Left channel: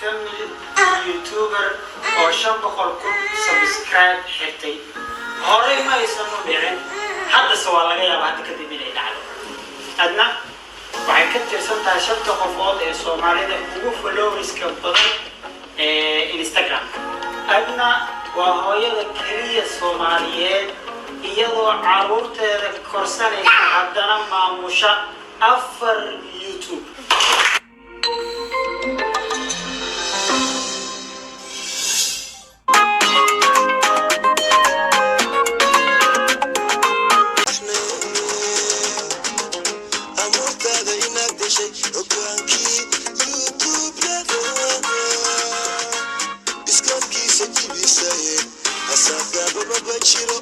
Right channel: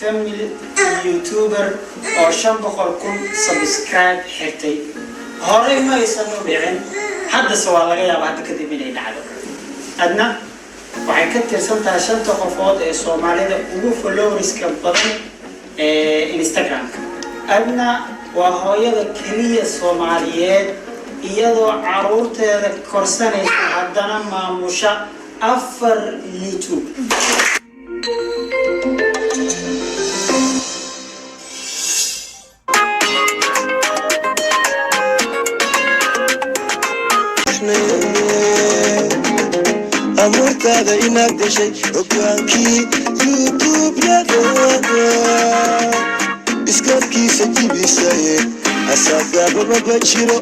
family youtuber oo 500,000 subscribe xirtay horay ma aysan u dhicin hadda soo laga yaabaa hadda kadib inay dhacdo adna waxay ka tirsan tahay 5 qofood ee Soomaalida ugu followerska badan ee Instagram adna waa hooyada kaliya Soomaaliyeed iyadoo caruurteeda korsanaysa haddana maamusha 4 YouTube amurtada inaad gashay ogaankii YouTube-yada iskoodkiisa jibisaye asagaaba maba jiro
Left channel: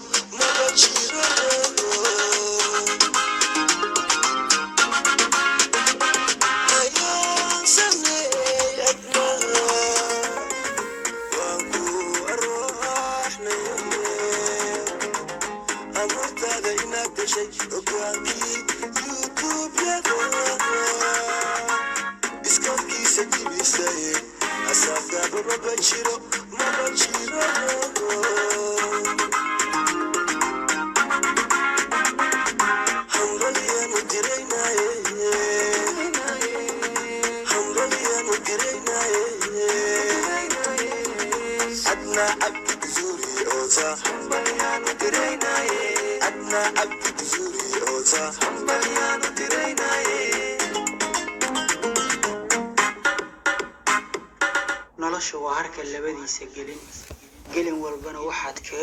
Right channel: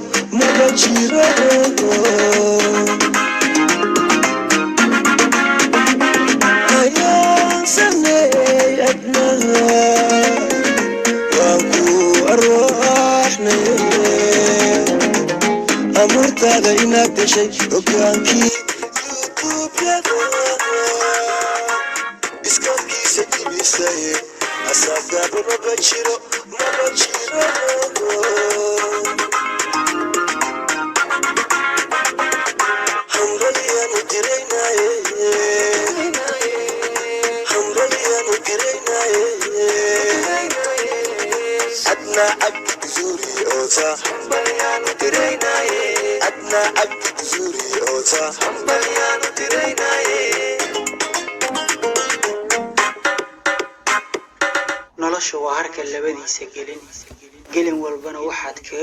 ayaan sameey adna waan ku arwaaxnay amurtada inaad gashay ogaankii iskoodkiisa jibisaye asagaaba maba jiro hambalyanu diraynaye adna abdi zuri ota hambalyanu diraynaye adna abdi zuri ota hambalyanu diraynaye nolosha waa harka labadiisa gelin walbana waxaad ka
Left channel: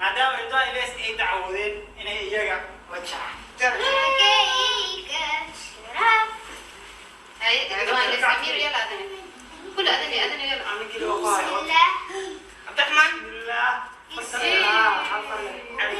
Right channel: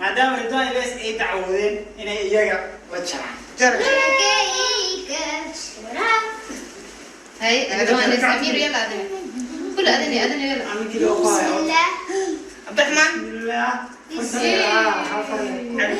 maadaama ridwaan ilaas ay dacwoodeen inay iyaga la jaraan هاي ردوان السفير يلا أذني كل أذني يلا أنا كده أخوي عبد الرحمن بسم الله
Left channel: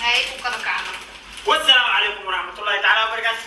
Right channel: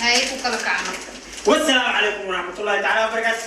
هاي وكذا كعمة والسلام عليكم ورحمة الله تعالى وبركاته.